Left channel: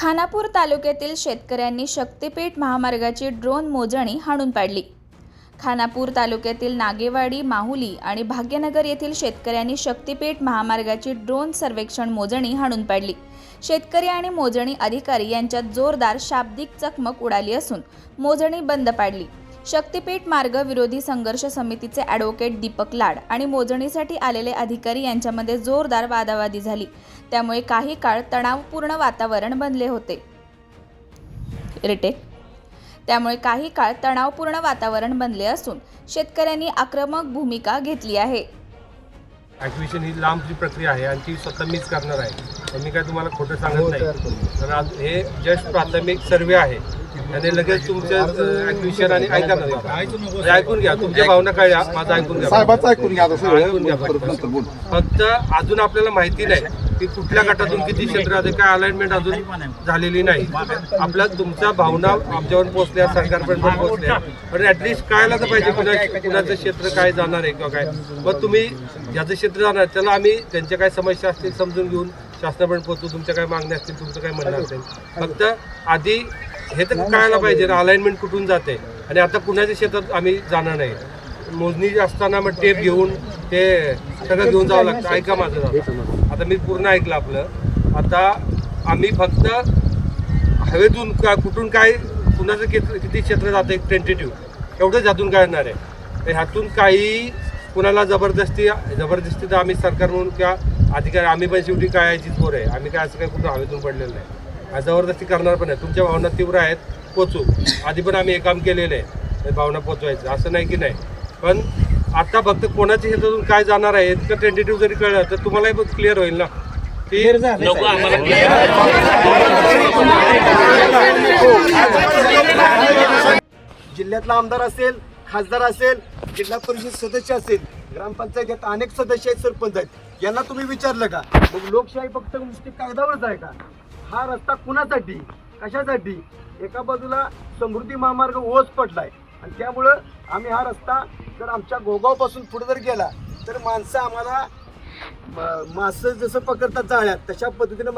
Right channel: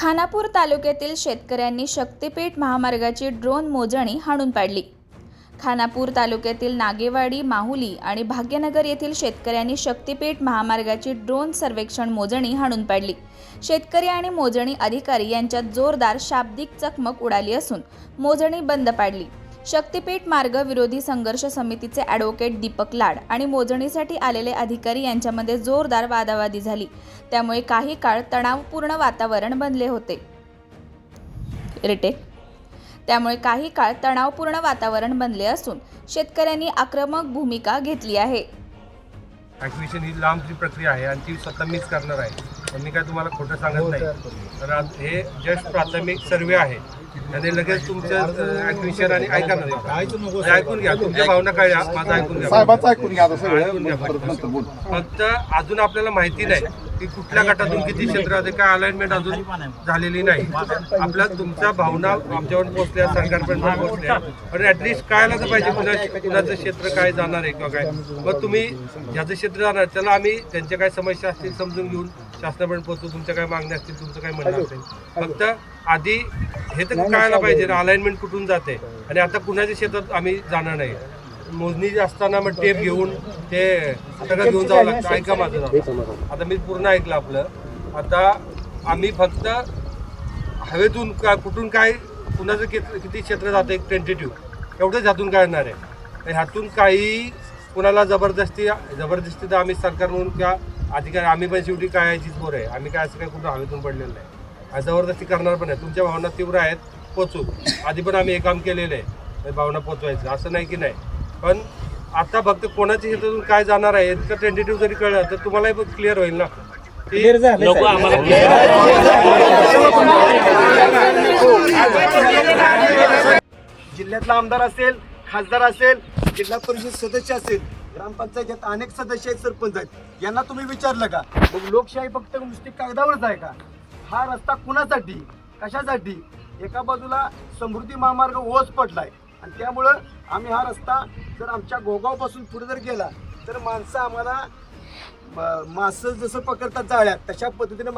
खानापूर तालुक्यातील शेतकऱ्यांनी शक्तिपीठ महामार्गाची ड्रोन मोजणी हाणून पाडली। खानापूर तालुक्यातील नागेवाडी, माहुली आणि भाग्यनगर येथील शेतकऱ्यांनी शक्तिपीठ महामार्गाची ड्रोन सर्वेक्षण मोजणी हाणून पाडली। शेतकरी आणि मोजणी अधिकारी यांच्यात जोरदार शाब्दिक चकमक उडाली असून मोजणी बंद पाडली। शक्तिपीठ मार्ग विरोधी संघर्ष समितीचे ॲडव्होकेट दीपक लाड आणि मोजणीसाठी आलेले अधिकारी यांच्यामध्ये जोरदार वादावादी झाली। त्यामुळे काही काळ तणावपूर्ण वातावरण बनले होते। बनले असून शेतकऱ्यांनी आक्रमक भूमिका घेतली आहे। ॲक्विजिशन ही लांबची प्रक्रिया आहे आणि ती स्वतः मीच करणार आहे, तर मी काय तुम्हाला खोटं सांगत नाही। तर आज हे जस्ट प्राथमिक सर्वे आहे आणि लगेच तुमचं ॲक्विजिशन आणि ऐका ना, ऐकून घ्या, तुमच्या भावना काय माझं ऐकून घ्या। फक्त अजून आपल्याला माहिती नाही की कुठल्या गटातून किती क्षेत्र आहे, काय अलाइनमेंट अजून झालेली नाही। आपल्या तुमच्या भावना आमच्यावर पोहोचल्या, सरकारपर्यंत पोहोचल्या, पण ॲटलिस्ट कळायला तर पाहिजे कुणाचं क्षेत्र काय जाणार आहे किंवा काय। मग तुम्ही ज्याचं क्षेत्र जाणार त्याला आम्ही त्यांच्या काय समस्या असतील समजून घेऊन शासनापर्यंत पोहोचू, तुमच्या काय मागण्या असतील, तुमचं काय म्हणणं असेल, फक्त आधी हे तर कळायला पाहिजे ना अलाइनमेंट कुठून जाते। आणि आता कुणाच्या शेतात आम्ही जाणार नाही, मोजणी असताना मग टेप घेऊन ते सगळं घेऊन जावं लागतं। ऐका माझं आता मी पूर्ण ऐकलं आपलं। आता आम्ही फक्त हवेतून कुठून काय कुणाचं किती क्षेत्र जातं एक टेंटेटिव्ह एवढंच ह्यातून कळणार आहे। ह्यातून काही कुणाला जबरदस्ती तर आम्ही सरकार म्हणून किंवा अधिकारी आम्ही पण शेवटी काय बोर आहे, आम्ही काय असं काय कुठं हवेतून पडलेलं नाही, जबरदस्ती करणार पण आहे। तुमच्या भावना तीव्र आहेत, पोचू, आधी पण आम्ही हे काम केलेलं आहे, भावना पोचवायचं असं नाही की नाही। पण आता फक्त कोणाच्या शेतातून काय जाणार आहे इतकं टेंटेटिव्ह जरी कळलं तर तुम्हालाही पण क्लिअर होईल ना की जिल्ह्यातला आमदार असेल, खासदार असेल, जिल्हा परिषद सदस्य असेल, ग्रामपंचायतीत अनेक सदस्य आहेत, सरपंच आहेत, यांना तुम्ही विचारलं का? मग लोकशाही फक्त नुसती कागदावरच आहे का? हा रस्ता कुणासाठी, कशासाठी? एका बाजूला समृद्धी महामार्ग ओस पडलाय आणि त्यामुळं आम्ही हा रस्ता जर आमच्या गोगावपासून पुढे जर गेला तर माणसं आम्हाला मासं जसं पकडतात जाळ्यात तशा पद्धतीने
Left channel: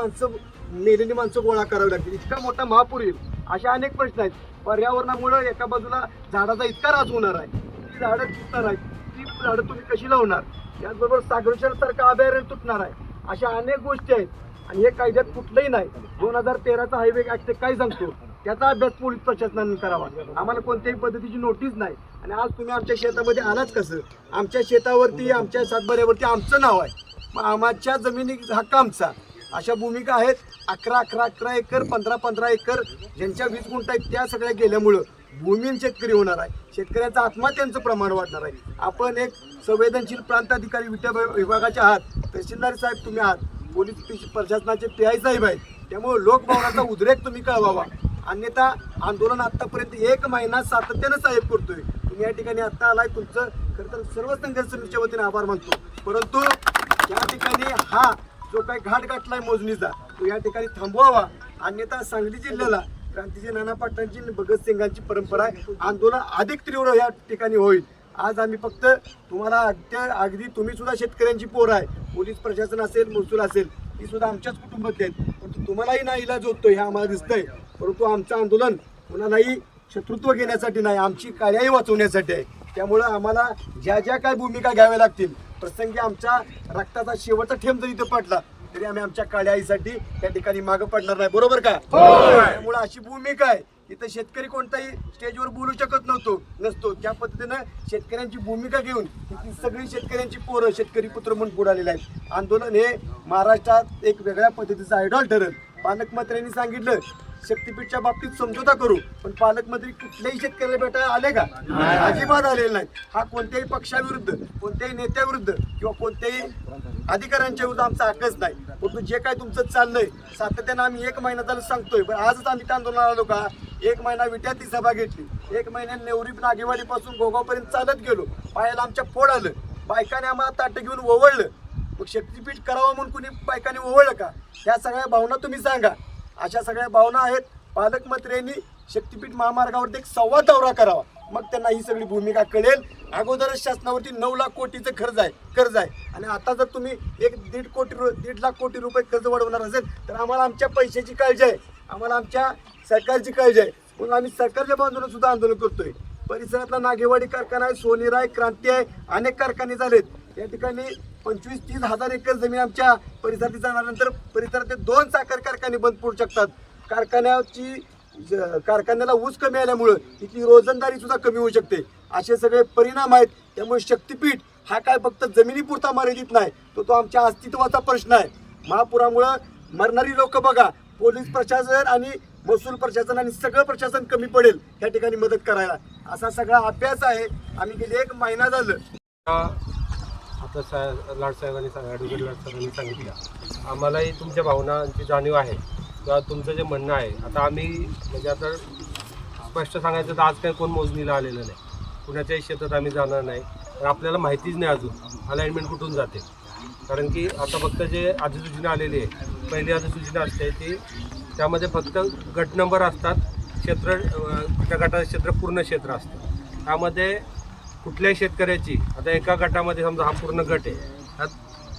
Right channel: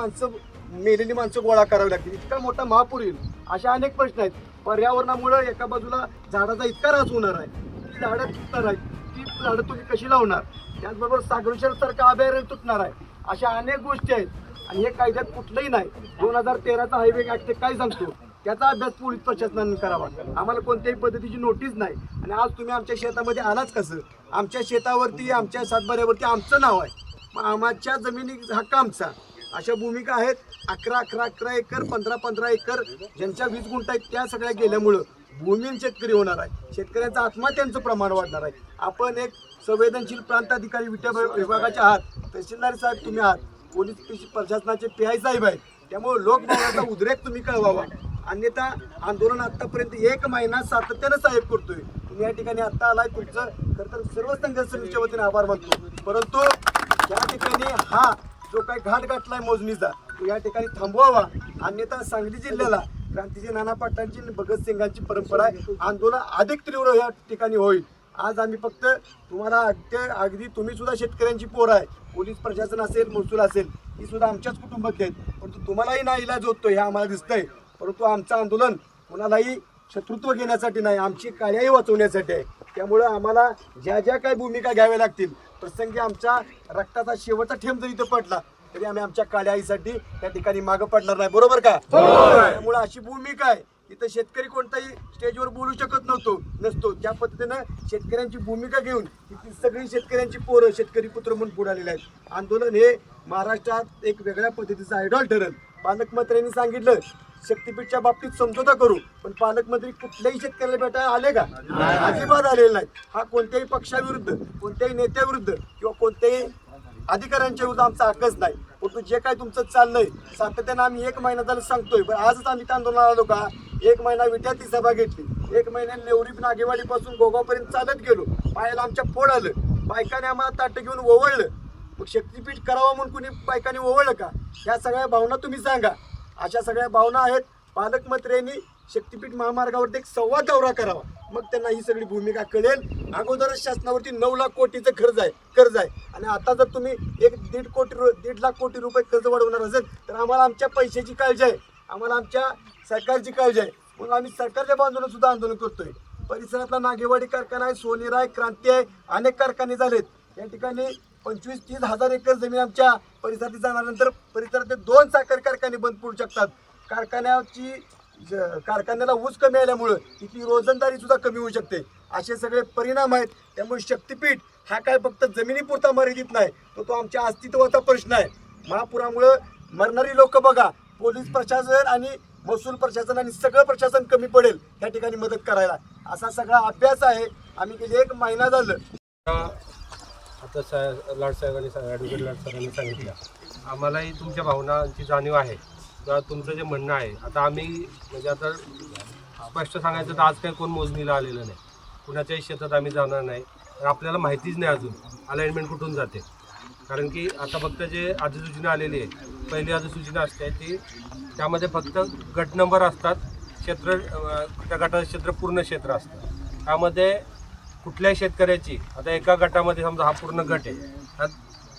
मेलेली माणसं गोळा करावी लागतील। इतका मोठा महापूर येईल, अशा अनेक प्रश्न आहेत। पर्यावरणामुळे एका बाजूला झाडाचा इतका ऱ्हास होणार आहे, ती झाडं तुटणार आहेत, ती झाडं तुम्ही कशी लावणार? त्याचबरोबर सागरशेरसारखं अभयारण्य तुटणार आहे, अशा अनेक गोष्टी आहेत आणि हे कायद्यात कुठलंही नाही। 2013चा हायवे ॲक्ट काय सांगतो त्याचा अभ्यास पोलीस प्रशासनाने करावा। आम्हाला कोणत्याही पद्धतीची नोटीस नाही आणि आज तुम्ही आमच्या शेतामध्ये आलाच कसं? आमच्या शेतावरती, आमच्या सातबाऱ्यावरती आमचं नाव आहे, मग आमच्या जमिनी हक्क आमचा। अशा भूमिका आहेत 11 एकर, 15 एकर, ज्यांच्या 20 गुंठ आहेत त्या सगळ्या गेल्यामुळं भूमीहीन शेतकरी होणार आहे, शेतकऱ्यांचा आत्महत्यांचं प्रमाण वाढणार आहे। आपण एक संवेदनशील प्रांताधिकारी विभागाचे आहात, तहसीलदार साहेब तुम्ही आहात, पोलीस प्रशासनाचे PI साहेब आहेत, त्यामुळे लोकभावनाचा उद्रेक तुम्ही कळवावा। अन्यथा आंदोलन आतापर्यंत 1 महिना सातत्यानं साहेब करतोय, तुम्ही या ठिकाणी आत्ता आलाय, तुमचं खरं तर सर्व संघर्ष समितीच्या वतीने आभार मानतो, परंतु या ठिकाणी हा जो काही घाट गाठलाय मोजणीचा तो या ठिकाणी थांबवावा। अन्यथा सांगली जिल्ह्याला क्रांतीचे नाना पाटलांची, भगतसिंगांची परंपरा आहे, आंदोलन अधिक तीव्र या ठिकाणी होईल। आज आम्ही फक्त तुम्हाला अगदी तुम्ही सुद्धा शेतकऱ्यांची पोर आहे, पोलीस प्रशासन असेल, महसूल असेल, ती सुद्धा आमच्याच कुटुंबात आहेत, परंतु तुम्हालाही नाईलाज होतो हे आम्हाला दिसतंय। परंतु आमचं आंदोलन कोणालाही शत्रुत्व घेण्यासाठी नाही, आमची काळ्याही वाचवण्यासाठी आहे। त्यामुळं आम्हाला ज्या ज्या काही भूमिका घ्याव्या लागतील, प्रसंगी आमच्या रक्ताचा शेवटचा थेंब जरी इथं पडला तरी आम्ही आमच्या काळ्या आईसाठी त्या ठिकाणी मागं पडणार नाही, बरोबर का? त्यामुळे अशी भूमिका आहे, इथं शेतकरी कोणताही स्टेजवर बोलू शकत नसतो, त्या पद्धतीनं शेतकऱ्यांची भूमिका घेऊन इथली सगळी शेतकऱ्यांची पोरं शेतकरी पुत्र म्हणून पुढालेले आहेत। आंदोलन हे महाराष्ट्रात एक वेगळ्या पद्धतीचं आयडॉल ठरेल। पालकमंत्र्यांनी सांगितलं शक्तीपीठच्या बाबतीत समझोता करू, पण पालकमंत्री कुठल्याही शेतकऱ्याला भेटायला आले का? अजिबात आलेले नाहीत। हा कोणत्याही पक्षाविरुद्ध, कोणत्याही नेत्याविरुद्ध किंवा कोणत्याही अधिकाऱ्यांच्या विरुद्ध आमचा हक्कच नाही, परंतु जे काय तुमचं चाललंय सातत्यानं आम्ही 1 महिना झालं सांगतोय, पण आजच आम्ही त्या आंदोलनाला आलो का? 1 महिना विट्यात ती सभा घेतली, 1 महिन्यात नेवरी नागेवाडीपासून गोगावपर्यंत चालत गेलो, पायाला आमच्या फोड आलं, बायकाने आम्हाला ताटं घेऊन ओवळलं, मग शक्तीपीठ करावं म्हणून कुणी बायकाने ओवळलं का? ह्या सगळ्या भावना तुम्ही सांगा। अशा सगळ्या भावना आहेत। पालकमंत्र्यांनी शक्तीपीठ महामार्गावरती एक संवाद दौरा करावा, मग त्यांना ही सगळी भूमिका कळेल। अगोदरच शासनावरती 9 लाख कोटीचं कर्ज आहे आणि आता जर तुम्ही 1.5 लाख कोटी रुपये कर्ज वाढवणार असेल तर आम्हाला आमच्या पैशाची काळजी आहे। आम्हाला आमच्या सरकारची काळजी आहे, म्हणून आम्ही सरकारच्या बाजूने सुद्धा आंदोलन करतोय. परिसरातला नागेवाडी कारखाना आहे, सोनेर आहे, क्रांती आहे, अनेक कारखाने झालेत. या ठिकाणी 25-30 हजार एकर जमीन आमच्या परिसरात जाणाऱ्यानंतर परिसरातले 2 साखर कारखाने बंद पडू शकतात. कारखान्याला ऊस कमी आल्यामुळं इथली रोजंदारी सुद्धा कमी होऊ शकते. असे सगळे परिणाम आहेत. त्यामुळे शक्तीपीठ हा काय फक्त जमिनीपुरता मर्यादित नाही, तो आमच्या अस्तित्वाचा प्रश्न आहे. महापुरामुळं मरणारी लोक बघा, पोलीस प्रशासन आणि महसूल प्रशासन आणि सगळं प्रशासन कमी पडेल त्या ठिकाणी मदत करायला, असा सगळा अभ्यास आहे. आम्ही गेले 1 महिना झालं. आता लाडसाहेबांनी ॲडव्होकेट लाडसाहेबांनी सांगितलं, आम्हालाही तुमच्या भावनांची जाणीव आहे किंवा तुमचं जे म्हणणं आहे. आता आम्ही म्हणजे आता स्पष्ट सांगायचं तर आज काही कोण मोजणीला आलेलं नाही, कुणाच्याही शेतात आम्ही जाणार नाही. तर आपल्याला माहितीच नाही अजून अलाइनमेंट कुठून जाते. कारण की आता फक्त जे अधिसूचना आलेली आहे, पहिली अधिसूचना असते ती, त्यामध्ये फक्त गट नंबर असतात, क्षेत्र त्या गटाचं क्षेत्र पूर्ण क्षेत्र असतं. त्यामध्ये कुठल्याही शेतकऱ्याची आता एका गटामध्ये समजा हा पूर्ण गट आहे, त्यात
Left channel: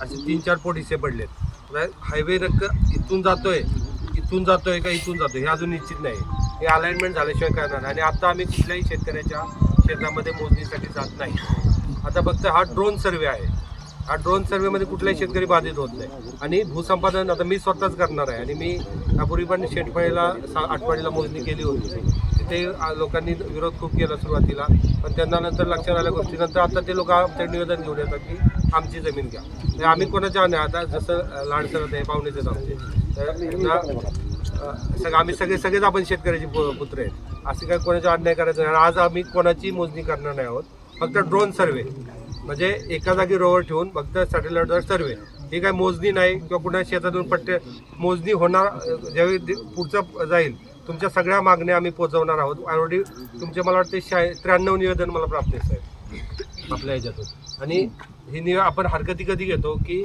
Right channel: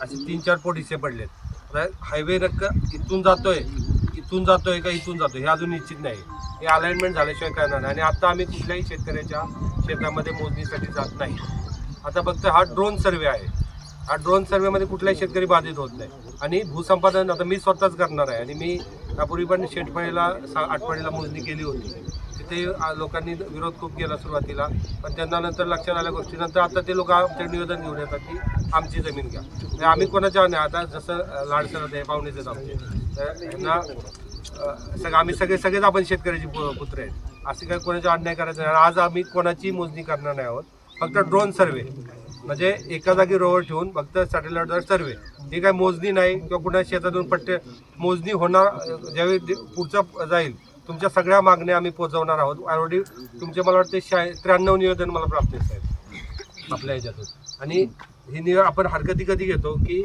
असे 3-4 पोट हिस्से पडलेत. आता हायवे इथून जातोय का इथून जातोय हे अजून निश्चित नाही. हे अलाइनमेंट झाल्याशिवाय करणार नाही. आणि आता आम्ही कुठल्याही शेतकऱ्याच्या शेतामध्ये मोजणीसाठी जात नाही. आता फक्त हा ड्रोन सर्वे आहे. हा ड्रोन सर्वेमध्ये कुठलाही शेतकरी बाधित होत नाही. आणि भूसंपादन आता मी स्वतःच करणार आहे. आणि मी यापूर्वी पण शेतफळीला आठवडीला मोजणी केली होती. तिथे लोकांनी विरोध खूप केला सुरुवातीला, पण त्यांना नंतर लक्षात आल्या गोष्टीनंतर आता ते लोक आमचं निवेदन घेऊन येतात की आमची जमीन घ्या. तर आम्ही कोणाच्या नाही, आता जसं लाडसरत आहे, पाहुणेच आहेत आमचे, तर यांना आम्ही सगळेच आपण शेतकऱ्याची पुत्र आहेत. असे काही कोणाचा अन्याय करायचं नाही. आज आम्ही कोणाची मोजणी करणार नाही आहोत. फक्त ड्रोन सर्वे म्हणजे एका जागी रोवर ठेवून फक्त सॅटेलाईटवर सर्वे, ही काही मोजणी नाही किंवा कुणा शेतातून पट्टे मोजणी होणार. ज्यावेळी पुढचं जाईल तुमच्या सगळ्या मागण्या आम्ही पोहोचवणार आहोत. ऑलरेडी तुमचे मला वाटते 93 निवेदन मला प्राप्त आहेत आपल्या ह्याच्यातून. आणि ही आपण हरकती कधी घेतो की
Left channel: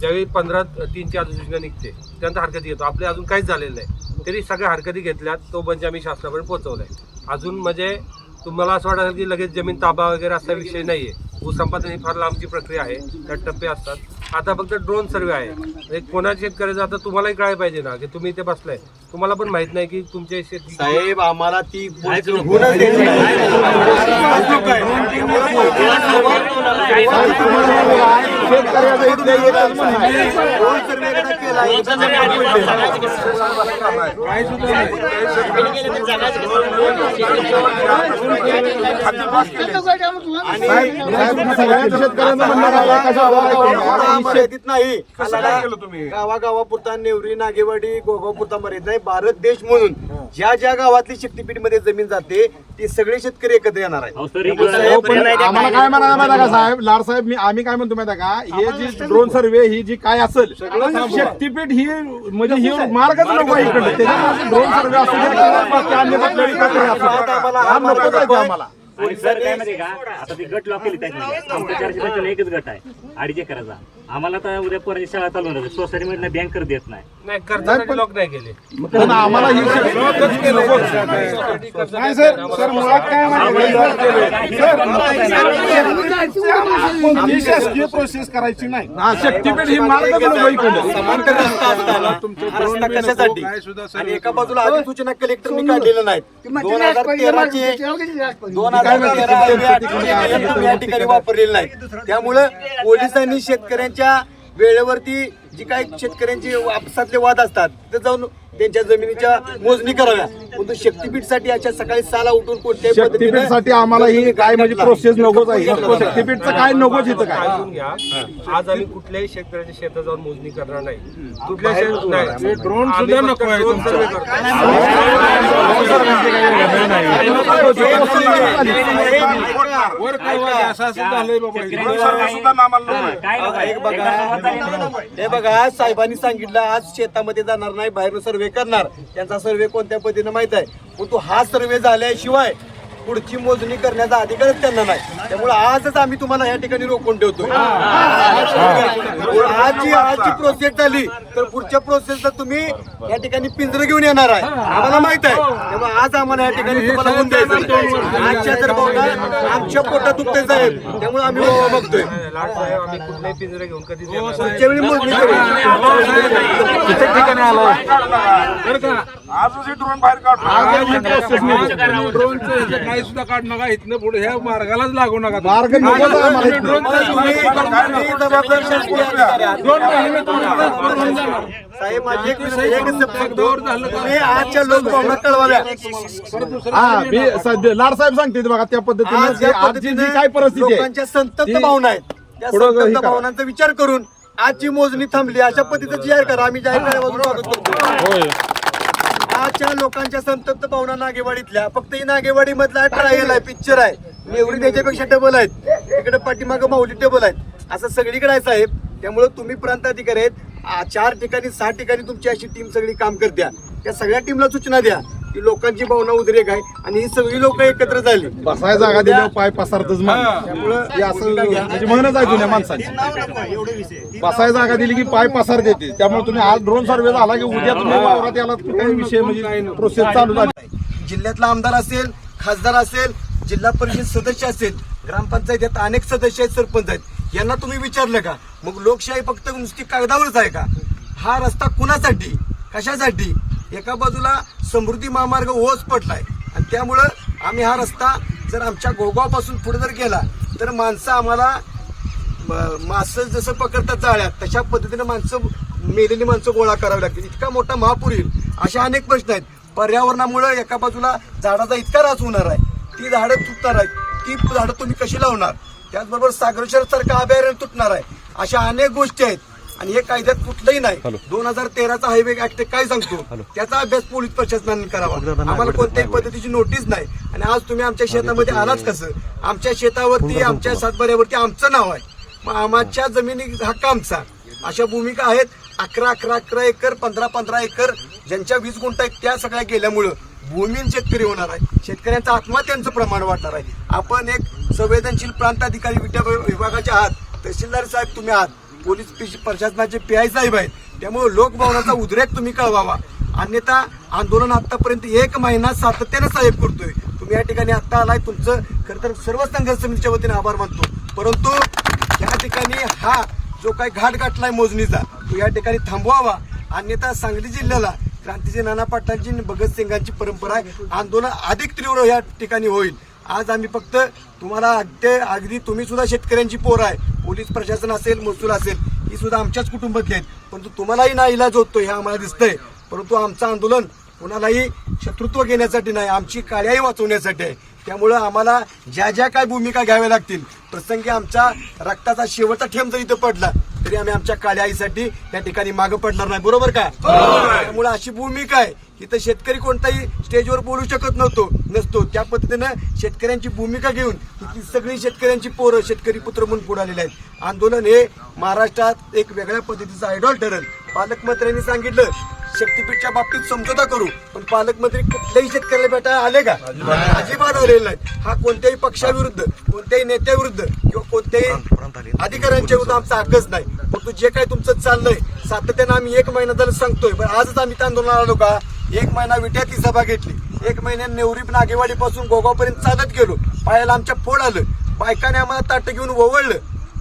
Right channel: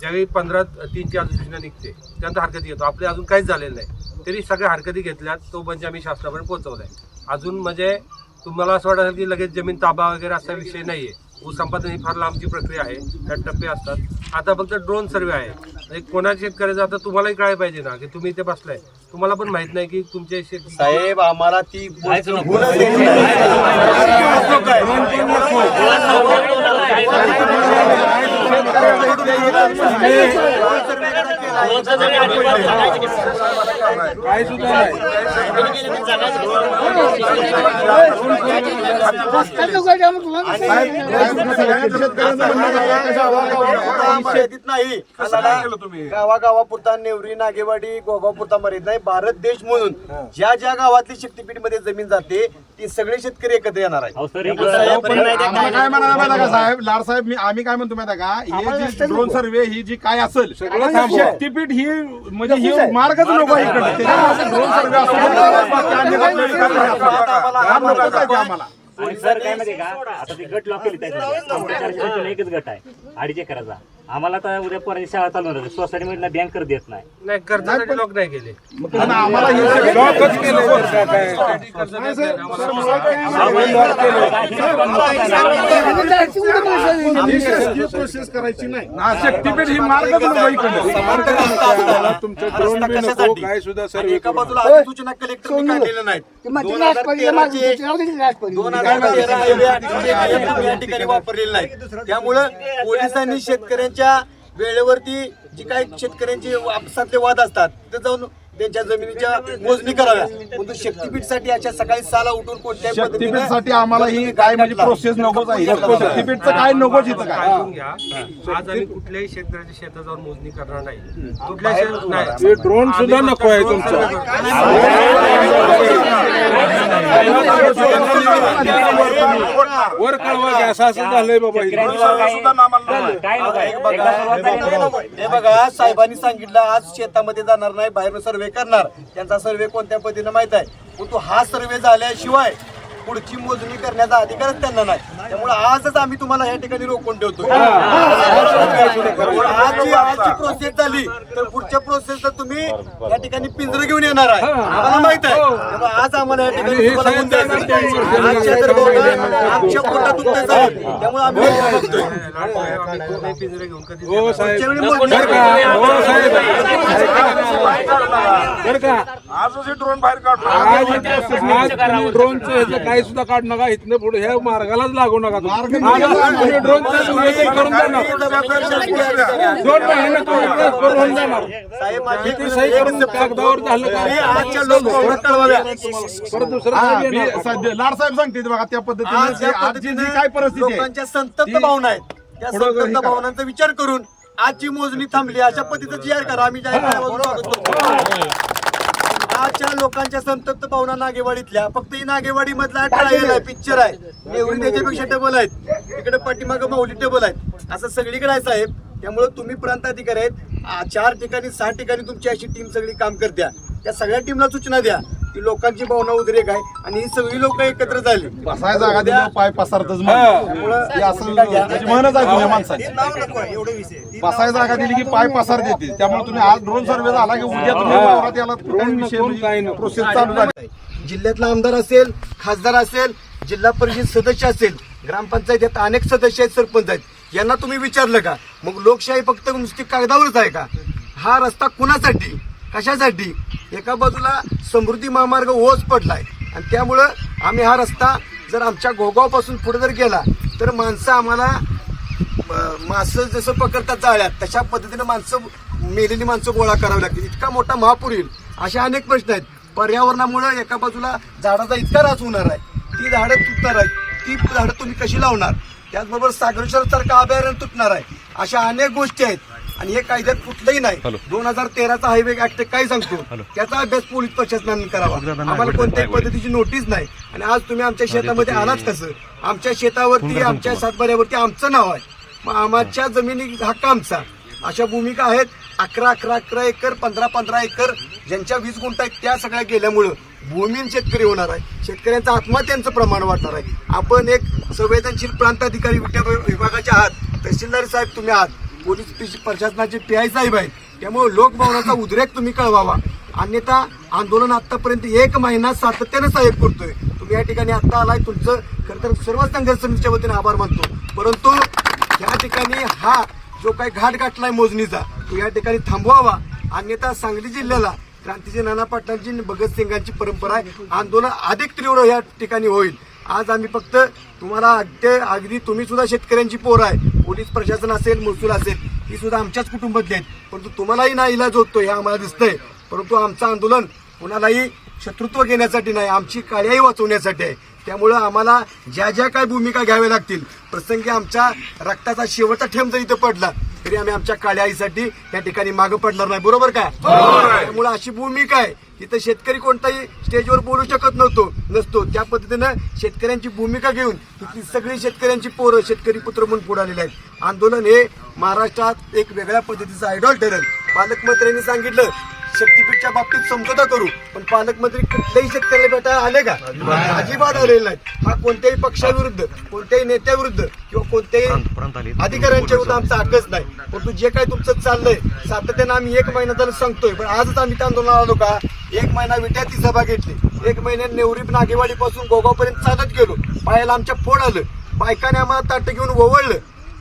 ज्यावेळी 15/3ची अधिसूचना निघते त्यानंतर हरकती घेतो. आपले अजून काहीच झालेलं नाही, तरी सगळ्या हरकती घेतल्यात. तो म्हणजे आम्ही शासनापर्यंत पोहोचवला आहे. अजून म्हणजे तुम्हाला असं वाटत असेल की लगेच जमीन ताबा वगैरे असा विषय नाही आहे. भूसंपादन ही फार लांबची प्रक्रिया आहे, त्यात टप्पे असतात. आता फक्त ड्रोन सर्वे आहे. म्हणजे कोणाच्या शेतकऱ्याचं आता तुम्हालाही कळायला पाहिजे ना की तुम्ही इथे बसलाय, तुम्हाला पण माहित नाही की तुमच्या शेती साहेब आम्हाला ती नाही. गावागावापुरता नेवरी, नागेवाडी, गोगावपुरता मर्यादित नाही. भारत देश म्हणून ज्या ज्या गावातली शक्तीपीठ मध्ये जमीन जाते ते सगळे शेतकरी एकत्र येणार आहे. आम्हाला काय म्हणायला माहिती का साहेब, लाड साहेब, आम्ही काय म्हणतो माहिती का, हे जी ड्रोन सर्वे ही जी काय असेल शक्तीपीठ ही म्हणजे ही मार्गच नको इकडे. त्याच्यामुळे ड्रोन सर्वे असू द्या किंवा बाकी अन्य कुठल्याही प्रक्रिया असू द्या, हा नकोच आहे आम्हाला. आणि सर काय माहिती का, आता ती गट लॉक केली त्याच्यामध्ये. आमच्या 455 एकच गट आहे 2.5 एकराचा. आम्हाला तर उद्या पोरांची शाळा चालू होणार, सोसायटी मध्ये बँक कर देत नाही. नाही करताना लॉक नाही केले. पण आम्हाला ही लॉकच केलं. नाही सर, सर मुळात काय शासकीय प्रोसेस करायची नाही. हा शक्तीपीठ ही मार्गच नको इकडे. एका बाजूला अधिसूचना कलेक्टरने काढलेलं नाही. 2013 या ठिकाणी वापरलेलं नाही. त्यामुळं पोलिसांनी शेतकऱ्यांच्या वेळेवरती जी काही शेतकऱ्यांची आपसातले वाद असतात तिथे जाऊन त्यांच्या जमिनीच्या मोजणी कराव्या. परंतु शक्तीपीठसाठी अशा सकाळी 6ला उठून कोणत्याही शक्तीपीठसाठी आम्हाला ही काय म्हणजे प्रोसेस नकोच आहे. शक्तीपीठचं काय नकोच इथं काय. ऐकून घ्या, आज आम्ही कुठल्याही शेतकऱ्याच्या शेतात जाऊन मोजणी करणार नाही. कुठल्या शेत नाही, ड्रोन सुद्धा नको आहे. हे बघा, साहेबांनी सांगितलं आज शेतामध्ये जाणार नाही, बाहेरून सर्वे करणार. त्यांचा सर्वे कोणत्या पद्धतीने माहित आहे. परंतु हा सर्वे झाल्याशिवाय पुढची मोजणी करण्याचा अधिकारच त्यांना नाही. त्यामुळे आजच आम्ही तुम्हाला या ठिकाणी रोखून ठेवतोय. आजची प्रोसेस झाली तर पुढच्या प्रोसेसला तुम्ही या ठिकाणी पिंजरं घेऊन येणार आहे, आम्हाला माहित आहे. त्यामुळे आज आम्हाला या ठिकाणी तुम्हाला होऊन द्यायचं. आजच्या तर भावना आमच्या पोटात दुखते साहेब, त्यामुळे आम्ही बघतोय लाड साहेब, आम्ही कुठलेही पिंजरे घेऊन कधीच पुढच्या येणार नाही. वेळी मोजणी करू. आजच ड्रोन बाहेर काढतो. ड्रोनचं ह्याचं काही सुद्धा काढू नका. इथनं पुढे ह्या मार्गालाच लागू नका. मार्ग ड्रोनचं मी जबाबदार शासकीय अधिकारी आहे. 2 महिने करून जाणार. साहेब माझी किती सही करून कागदावर झालं का? तुम्ही आजच्या लोकभावना कळवाव्या. परत दुसरं हा, मी सध्या लाड साहेब सांगते बघा त्या पद्धतीने आज की या आजची जी पद्धतीने काय परिस्थिती आहे लोकांच्या संतप्त ती भावना आहेत, त्या पुढं हे संतप्त करा. भावनांचा विचार करून आजची मोजणी थांबली अशा पद्धतीचं जाहीर करा. आम्ही जाहीर करण्यापासून स्वागत करतो. आजच्या लोकांच्या संतप्त भावना नागेवाडीतल्या, फक्त ही नागेवाडी मधला ट्रायल आहे, पिक्चर आहे. नेवरी त्याच्यापेक्षा डबल आहेत, इकडे पाठीमागं माऊली डबल आहेत, असं सगळीकडे आहे साहेब. त्यामुळे तुम्ही प्रांत अधिकारी आहेत, 4 ठिकाणी 6 ठिकाणी तुमची अशी टीम सगळी काम करत्या. त्या सगळ्या टीमला सूचना द्या की लोकांची भावना उद्रेक आहे आणि ही सगळी लोक एकत्र झाली. बसाय जागा दिल्यावर पाय पसरतच म्हण. हे असं म्हणजे म्हणच आहे जुन्या माणसांची. बसाय जागा दिली की पाय पसार देते. त्यामुळे तुम्ही आज ड्रोन सर्व्हे झाला की उद्या तुम्ही वावरात याला काही विषय म्हणजे प्रोसेस चालू झाली. जिल्ह्यातला आमदार असेल, खासदार असेल, जिल्हा परिषद सदस्य असेल, ग्रामपंचायतीत अनेक सदस्य आहेत, सरपंच आहेत, यांना तुम्ही विचारलं का? मग लोकशाही फक्त नुसती कागदावरच आहे का? हा रस्ता कुणासाठी, कशासाठी? एका बाजूला समृद्धी महामार्ग ओस पडलाय आणि त्यामुळं आम्ही हा रस्ता जर आमच्या गोगावपासून पुढे जर गेला तर माणसं आम्हाला मासं जसं पकडतात जाळ्यात तशा पद्धतीने मेलेली माणसं गोळा करावी लागतील. इतका मोठा महापूर येईल, अशा अनेक प्रश्न आहेत. पर्यावरणामुळे एका बाजूला झाडाचा इतका ऱ्हास होणार आहे, ती झाडं तुटणार आहेत, ती झाडं तुम्ही कशी लावणार? त्याचबरोबर सागरेश्वर सारखं अभयारण्य तुटणार आहे. अशा अनेक गोष्टी आहेत आणि हे कायद्यात कुठलंही नाही. 2013चा हायवे ऍक्ट काय सांगतो त्याचा अभ्यास पोलीस प्रशासनाने करावा. आम्हाला कोणत्याही पद्धतीची नोटीस नाही. आणि आज तुम्ही आमच्या शेतामध्ये आलाच कसं? आमच्या शेतावरती, आमच्या सातबाऱ्यावरती आमचं नाव आहे, मग आमच्या जमिनी हक्क आमचा. अशा भूमिका आहेत. 11 एकर, 15 एकर ज्यांच्या 20 गुंठ आहेत त्या सगळ्या गेल्यामुळं भूमीन शेतकरी होणार आहे. शेतकऱ्यांचं आत्महत्यांचं प्रमाण वाढणार आहे. आपण एक संवेदनशील प्रांत अधिकारी विभागाचे आहात, तहसीलदार साहेब तुम्ही आहात, पोलीस प्रशासनाचे PI साहेब आहेत. त्यामुळे लोकभावनाचा उद्रेक तुम्ही कळवावा. अन्यथा आंदोलन आतापर्यंत 1 महिना सातत्यानं साहेब करतोय. तुम्ही या ठिकाणी आता आलाय, तुमचं खरं तर सर्व संघर्ष समितीच्या वतीने आभार मानतो. परंतु या ठिकाणी हा जो काही घाट गाठलाय मोजणीचा तो या ठिकाणी थांबवावा. अन्यथा सांगली जिल्ह्याला क्रांतीचे नाना पाटलांची, भगतसिंगांची परंपरा आहे, आंदोलन अधिक तीव्र या ठिकाणी होईल. आज आम्ही फक्त तुम्हाला अगदी तुम्ही सुद्धा शेतकऱ्यांची पोर आहे, पोलीस प्रशासन असेल, महसूल असेल, ही सुद्धा आमच्याच कुटुंबातली आहेत. परंतु तुम्हालाही ना इलाज होतो हे आम्हाला दिसतंय. परंतु आमचं आंदोलन कुणालाही शत्रुत्व घेण्यासाठी नाही, आमची काळ्याही वाचवण्यासाठी आहे. त्यामुळं आम्हाला ज्या ज्या काय भूमिका घ्याव्या लागतील, प्रसंगी आमच्या रक्ताचा शेवटचा थेंब जरी इथं पडला तरी आम्ही आमच्या काळ्या आईसाठी त्या ठिकाणी मागं पडणार नाही. बरोबर काय? त्यामुळे अशी भूमिका आहे. इथं शेतकरी कोणताही स्टेजवर बोलू शकत नसतो. त्या पद्धतीनं शेतकऱ्यांची भूमिका घेऊन इथली सगळी शेतकऱ्यांची पोरं शेतकरी पुत्र म्हणून पुढे आलेले आहेत. आंदोलन हे महाराष्ट्रात एक वेगळ्या पद्धतीचं आयडॉल ठरेल. पालकमंत्र्यांनी सांगितलं शक्तीपीठच्या बाबतीत समझोता करू, पण पालकमंत्री कुठल्याही शेतकऱ्याला भेटायला आले का? अजिबात आलेले नाहीत. हा कोणत्याही पक्षाविरुद्ध, कोणत्याही नेत्याविरुद्ध किंवा कोणत्याही अधिकाऱ्यांच्या विरुद्ध आमचा हक्कच नाही. परंतु जे काही तुमचं चाललंय सातत्यानं आम्ही 1 महिना झालं सांगतोय, पण आजच आम्ही त्या आंदोलनाला आलो का? 1 महिना विट्यात ती सभा घेतली, 1 महिन्यात नेवरी नागेवाडीपासून गोगावपर्यंत चालत गेलो, पायाला आमच्या फोड आलं, बायकाने आम्हाला ताटं घेऊन ओवळलं.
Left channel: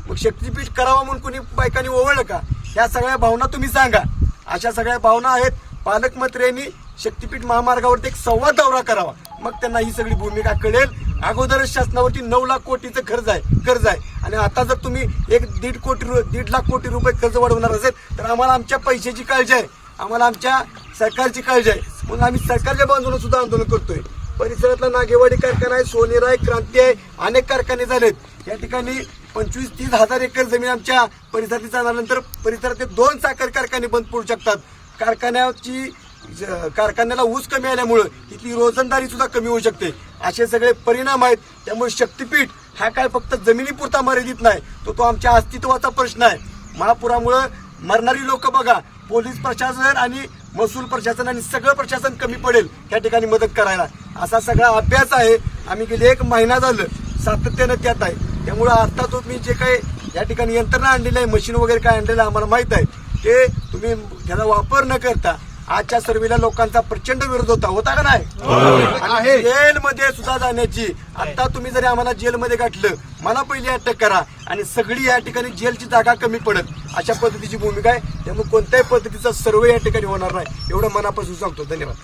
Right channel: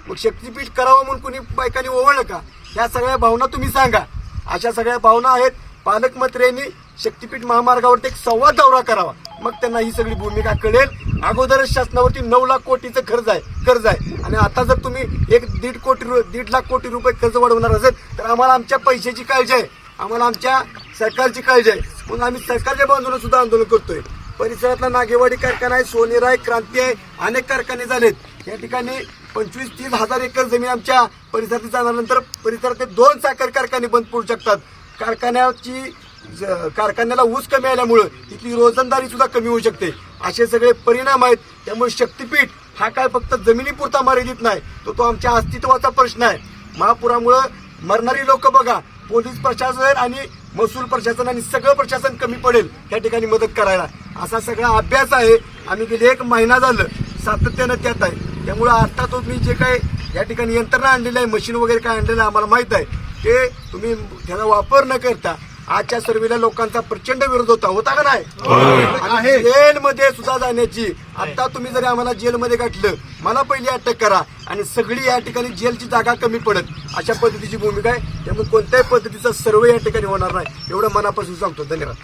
मग शक्तीपीठ करावं म्हणून कुणी बायकांनी ओवळलं का? ह्या सगळ्या भावना तुम्ही सांगा. अशा सगळ्या भावना आहेत. पालकमंत्र्यांनी शक्तीपीठ महामार्गावरती एक संवाद दौरा करावा, मग त्यांना ही सगळी भूमिका कळेल. अगोदरच शासनावरती 9 लाख कोटीचं कर्ज आहे आणि आता जर तुम्ही 1.5 लाख कोटी रुपये कर्ज वाढवणार असेल तर आम्हाला आमच्या पैशाची काळजी आहे, आम्हाला आमच्या सरकारची काळजी आहे. म्हणून आम्ही सरकारच्या बाजूने सुद्धा आंदोलन करतोय. परिसरातला नागेवाडी कारखाना आहे, सोनेर आहे, क्रांती आहे, अनेक कारखाने झालेत. या ठिकाणी 25-30 हजार एकर जमीन आमच्या परिसरात जाण्यानंतर परिसरातले 2 साखर कारखाने बंद पडू शकतात. कारखान्याला ऊस कमी आल्यामुळं इथली रोजंदारी सुद्धा कमी होऊ शकते. असे सगळे परिणाम आहेत. त्यामुळे शक्तीपीठ हा काय फक्त जमिनीपुरता मर्यादित नाही, तो आमच्या अस्तित्वाचा प्रश्न आहे. महापुरामुळं मरणारी लोक बघा, पोलीस प्रशासन आणि महसूल प्रशासन आणि सगळं प्रशासन कमी पडेल या ठिकाणी मदत करायला. असा सगळा अभ्यास आहे. आम्ही गेले 1 महिना झालं सातत्यानं त्यात आहे. त्यामुळे आता तुम्ही जे काही या ठिकाणी यंत्रणा आणलेली आहे, मशीन वगैरे काय आणलेलं आहे आम्हाला माहित आहे, ते तुम्ही त्याचा वापर न करता आजच्या सर्वेला लोकांचा प्रचंड विरोध होता का नाही? आणि जेलमध्ये सुद्धा जाण्याची, आता तुम्ही जरी आम्हाला जेलमध्ये गाठलं, मला पहिली अटक करा आणि सगळी या ठिकाणी जेलची जागा कमी पडत, अशा पद्धतीची भूमिका आहे. त्यामुळे कोणत्याही पद्धतीचा सर्वे या ठिकाणी होणार नाही, एवढं मनापासून सांगतो. धन्यवाद.